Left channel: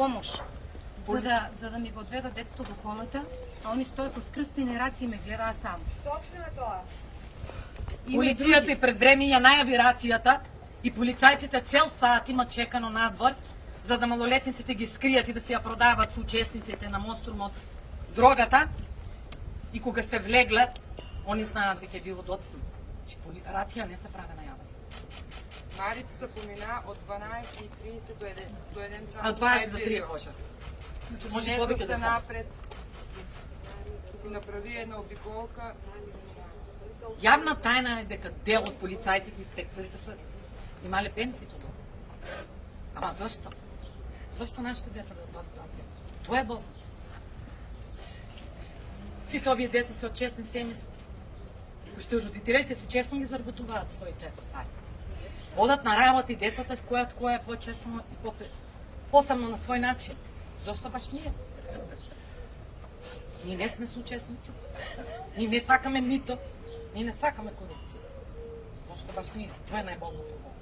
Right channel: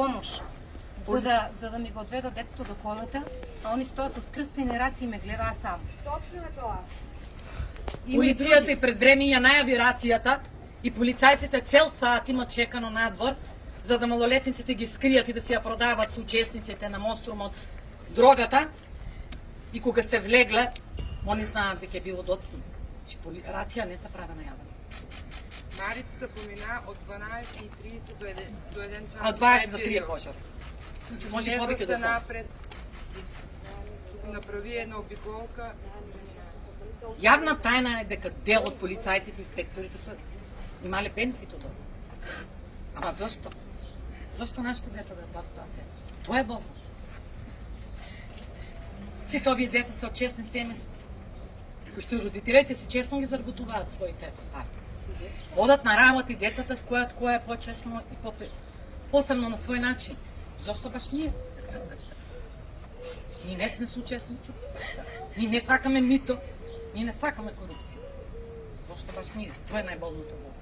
помош за да ми го одведат детето до колата, а они стоят со скрстени раци и ме гледаа само. Точно е тоа. Полицијата и пред време ја најави рацијата и полицајците цел саат имат чекано надвор за да малолетниците ги скријат и да се ја продават со учесниците на монструмот дрогата. И кога се влегле, они знаат дека е било доцна. Рација не се прави најавена. Марицата помина од 12:30 до 1 час. Од 20 до 3 пожар. Може повеќе да се. Напред. Направи една обиколка и се заминава. Јавна тајна е дека дел од полицајците и инспекторите се имале бенефит од ова. Ама зашто? Зашто нашите деца да платат рација? Тоа е болно. Сите овие деца се од честни семејства, кои што родителите си честно ги заработуваат своите пари. Одат на работа и децата која е почесно и посебно на свој начин. Зошто баш ние? Ние не сме соучесници. Ние не сакаме мито. Ние не сакаме корупција. Зошто баш ние? Тоа е најболното во.